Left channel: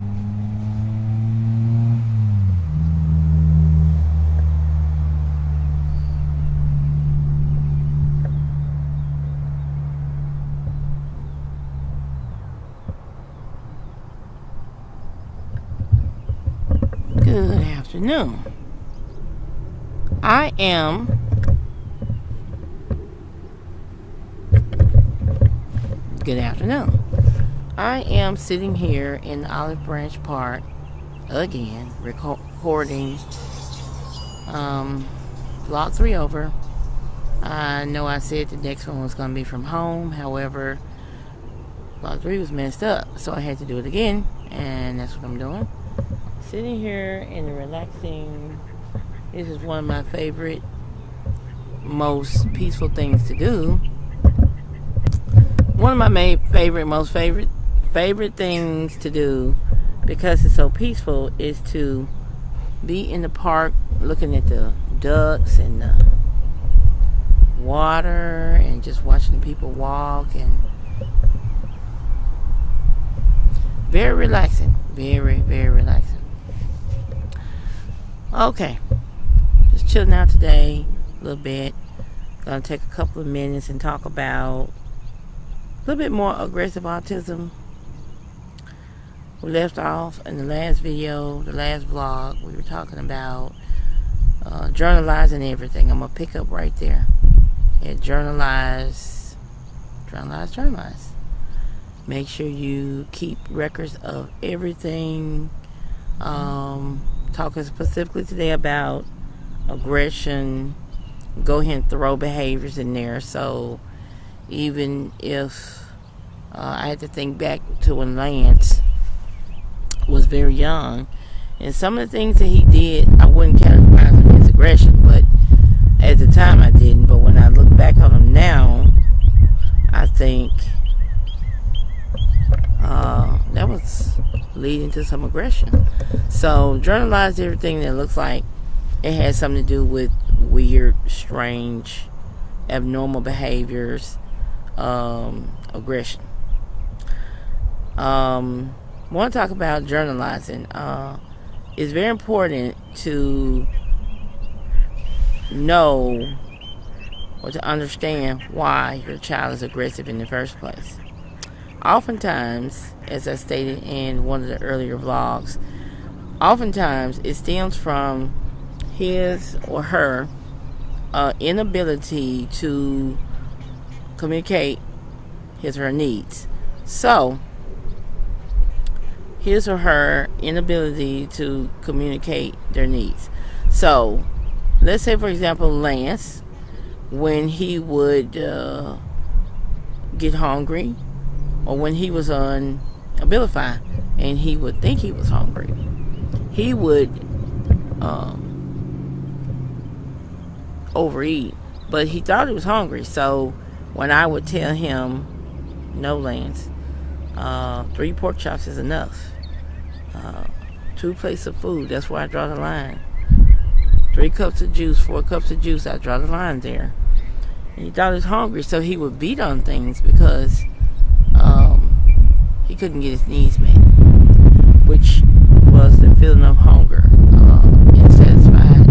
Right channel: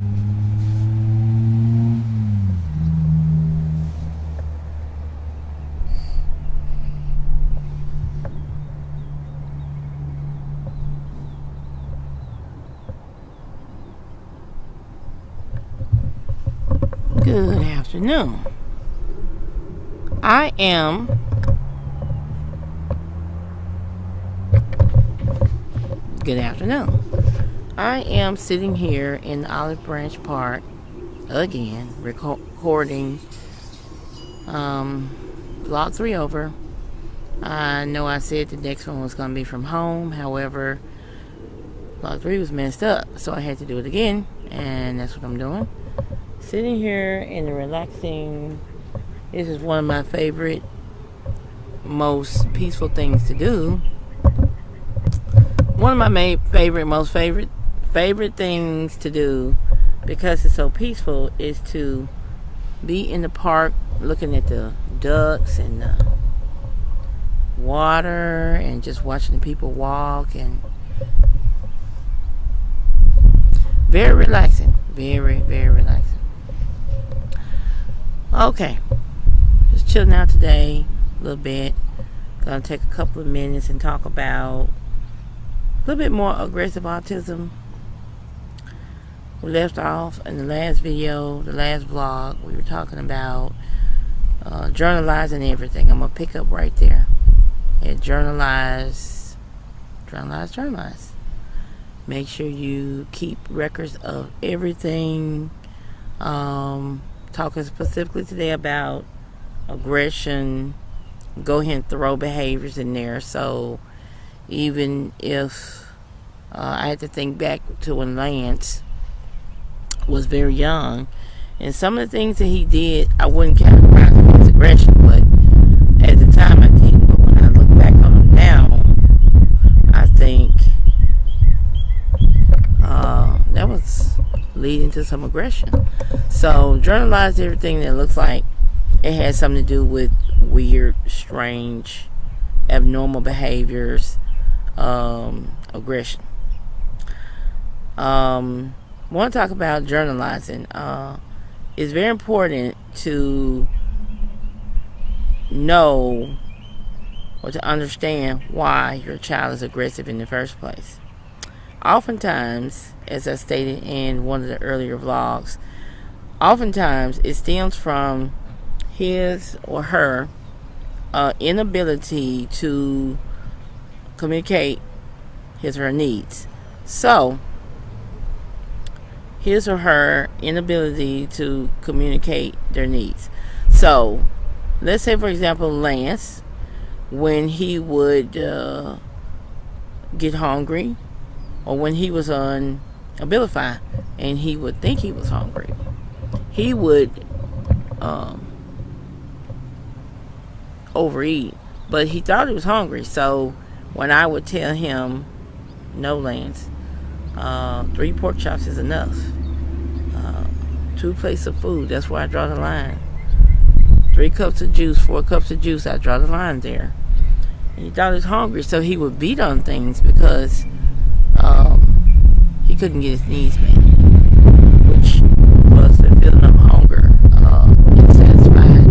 Good afternoon. I am sitting here in Olive Branch Park again, recording vlog 3 over. I know I said the next one was going to be from home. However, vlog 3 was messed up, so I had to do it again, and that's what I'm doing. Sitting here in the relaxing, this is one of my favorite, most peaceful things to do. One of my most favorite things to do, because it's so peaceful, is to be in the park looking at the ducks and the water and just watching the people walk, and very relaxing. Very, very relaxing. Okay, just chilling out today a little bit. Gonna take a couple of minutes and talk about a little bit more aggressive autism. We left off in the last video, the last vlog. We were talking about journalizing everything. I'm gonna pick up right there at journalize. Make sure you keep records of everything. Talking specifically today about aggression. Go ahead and throw behaviors in there. So even if I had to think back to when Lance was very young, and some of the things that he did, I wouldn't categorize them as aggression, but at the time I didn't. But when I look back on them now, I think that was leading to some aggression. So journalize everything that looks like it has something to do with weird, strange, abnormal behaviors, aggression. Want to talk about journalizing. It's very important to know or to understand why your child is aggressive in the first place. Oftentimes, as I stated in one of the earlier vlogs, oftentimes it stems from his or her inability to communicate his or her needs. So, his or her inability to communicate their needs. So, let's say, for example, Lance, when he would get hungry, or when he was on Abilify and he would think he was hungry, he would overeat, but he thought he was hungry. So when I would tell him, no, Lance, 3 pork chops is enough, 2 plates of food, that's where I draw the line, 3 cups of juice, 4 cups of juice, I draw the line there. And he thought he was hungry, so he would beat on things because he couldn't get his needs met, which was the feeling of hunger, unsatisfied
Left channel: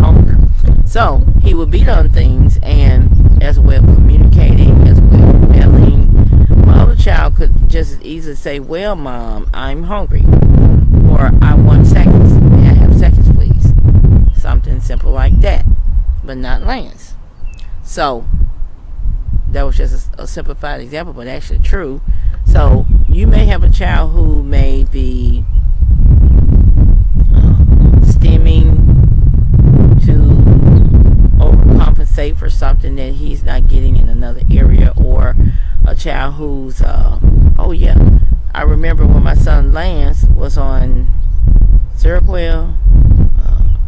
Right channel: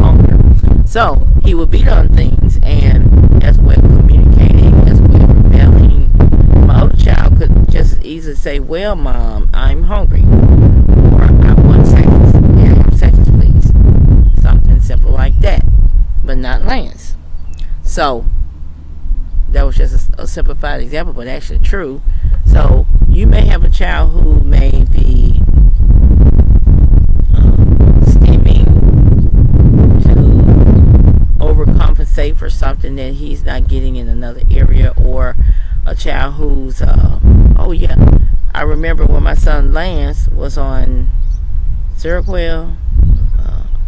hunger. So he would beat on things, and as a way of communicating, as a way of rebelling, my other child could just as easily say, well, Mom, I'm hungry, or I want seconds. May I have seconds, please? Something simple like that, but not Lance. So that was just a simplified example, but actually true. So you may have a child who may be stemming to overcompensate for something that he's not getting in another area, or a child who's oh yeah, I remember when my son Lance was on Seroquel,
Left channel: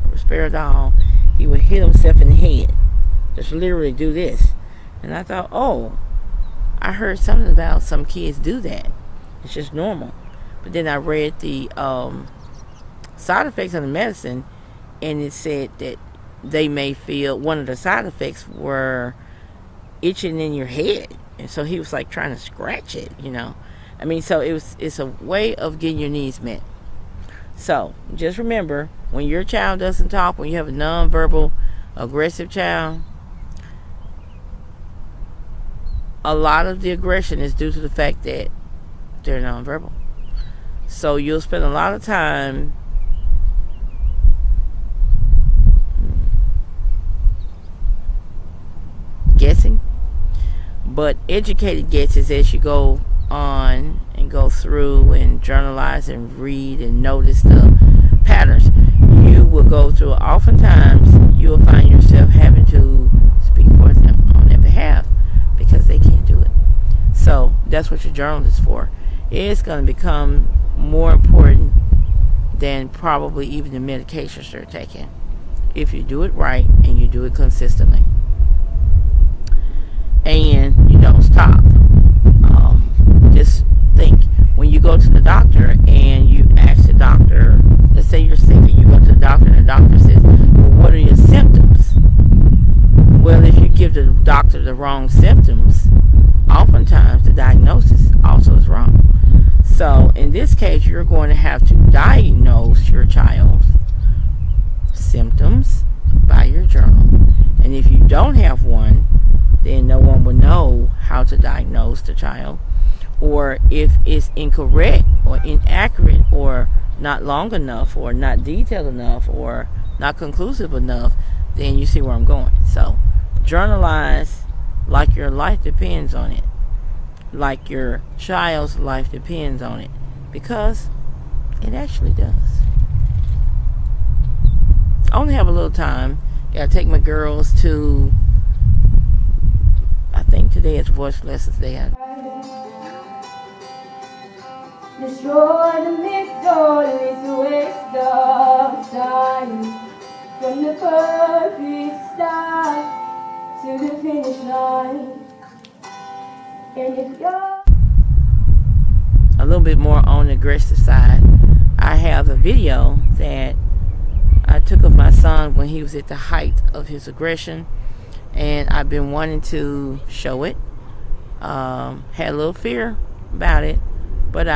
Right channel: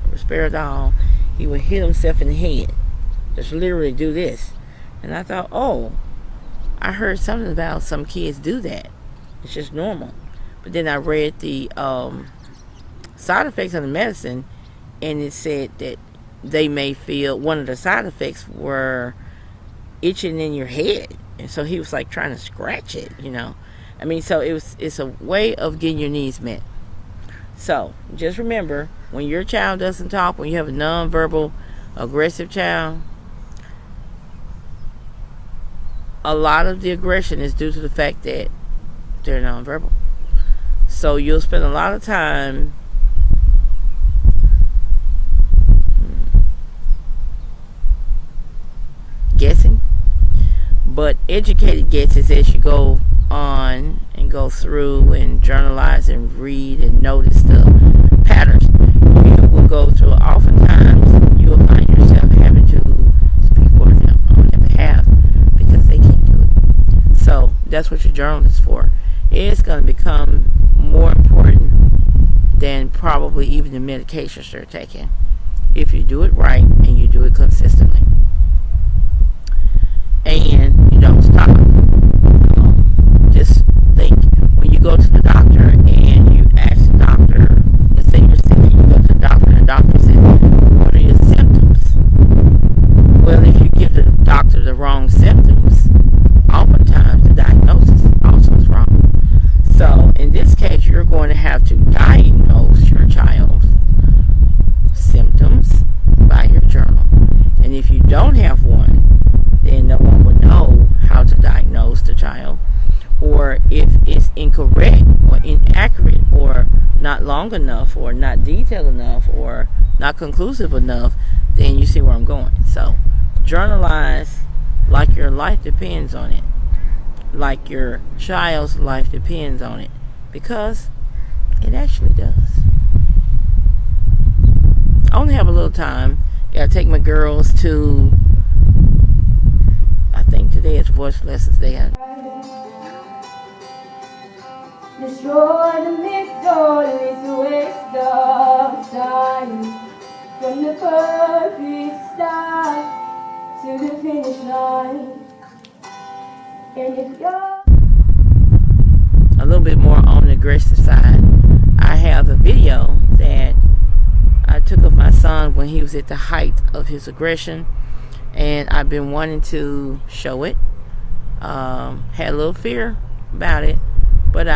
Risperidol, he would hit himself in the head, just literally do this. And I thought, oh, I heard something about some kids do that. It's just normal. But then I read the side effects of the medicine, and it said that they may feel, one of the side effects were itching in your head. And so he was like trying to scratch it, you know. So it's a way of getting your needs met. So just remember, when your child doesn't talk, when you have a nonverbal, aggressive child, a lot of the aggression is due to the fact that they're nonverbal. So you'll spend a lot of time guessing, but educated guesses as you go on and go through and journalize and read and notice the patterns you will go through. Oftentimes you will find yourself having to speak for them on their behalf because they can't do it. So that's what your journal is for. It's going to become more important than probably even the medications they're taking if you do it right and you do it consistently and you don't stop. Just think, when you go to the doctor and you ask the doctor, let's say you're sick and you go to the doctor and the doctor says, well, what are your symptoms? Well, if you give the doctor the wrong symptoms, oftentimes the diagnosis also is wrong. So in this case, you're going to have to diagnose your child's symptoms by your journal. And if you don't have one, then no one will know how to diagnose the child. Or if it's incorrect or inaccurate or not long enough or not detailed enough or not conclusive enough, then you see where I'm going. So journalize like your life depends on it, like your child's life depends on it, because it actually does. I only have a little time. Gotta take my girls to, I think today is voice lessons day. Destroy the myth, it's a waste of time. From the perfect start to the finish line. And if you're a little bit more on the aggressive side, I have a video that I took of my son when he was at the height of his aggression, and I've been wanting to show it. Had a little fear about it, but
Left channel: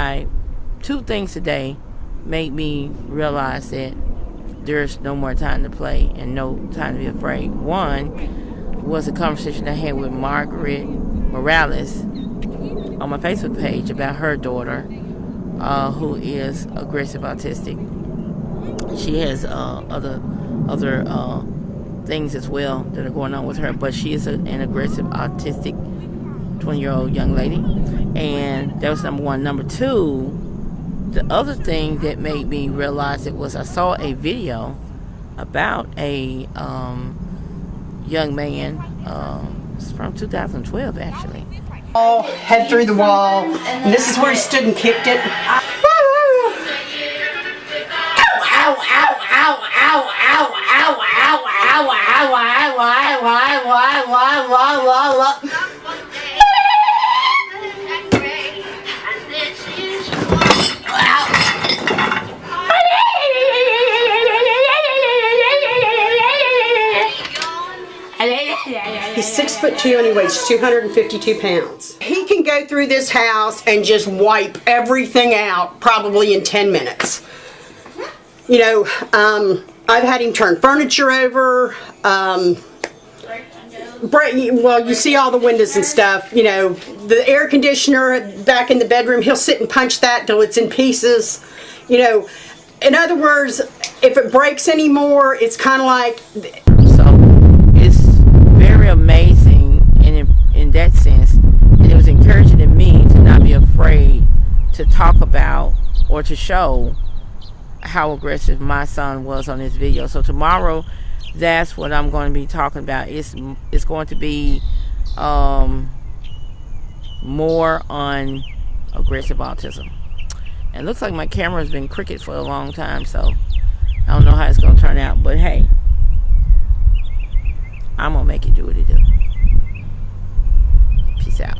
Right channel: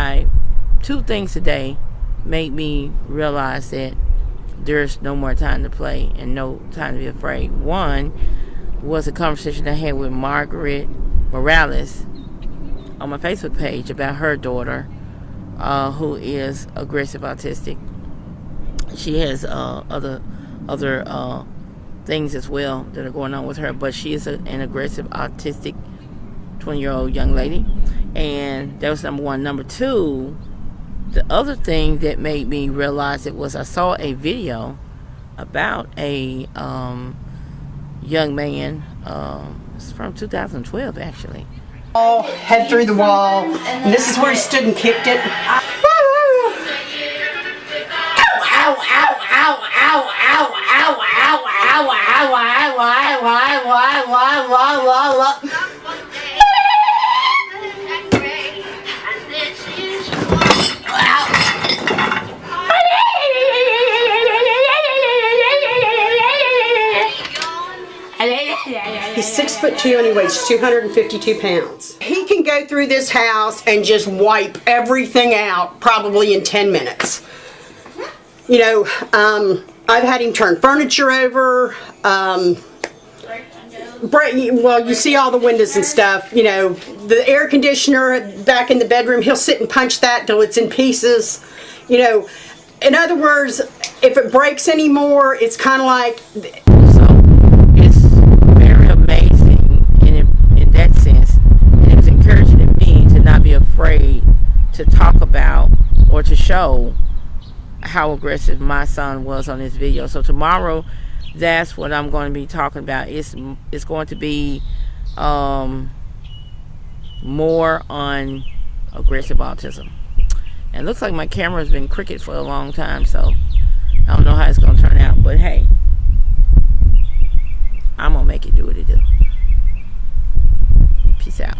two things today made me realize that there's no more time to play and no time to be afraid. One was a conversation I had with Margaret Morales on my Facebook page about her daughter, who is aggressive autistic. She has other things as well that are going on with her, but she is an aggressive autistic 20-year-old young lady. And that was number one. Number two, the other thing that made me realize it was I saw a video about a young man. It's from 2012 actually. Head through the wall, and this is where he stood and kicked it. He's 6'2" and he weighs 252 pounds. He can go through this house and just wipe everything out probably in 10 minutes. You know, I've had him turn furniture over, well, you see all the windows and stuff, you know, the air conditioner back in the bedroom, he'll sit and punch that till it's in pieces. You know, in other words, if it breaks anymore, it's kind of like... So, it's very amazing in that sense, and it was encouraging in me to not be afraid to talk about or to show how aggressive my son was on this video. So tomorrow, that's what I'm going to be talking about. It's going to be more on aggressive autism. And it looks like my camera has been crooked for a long time, so I don't know how it's going to turn out. But hey, I'm going to make it do what it do. Peace out.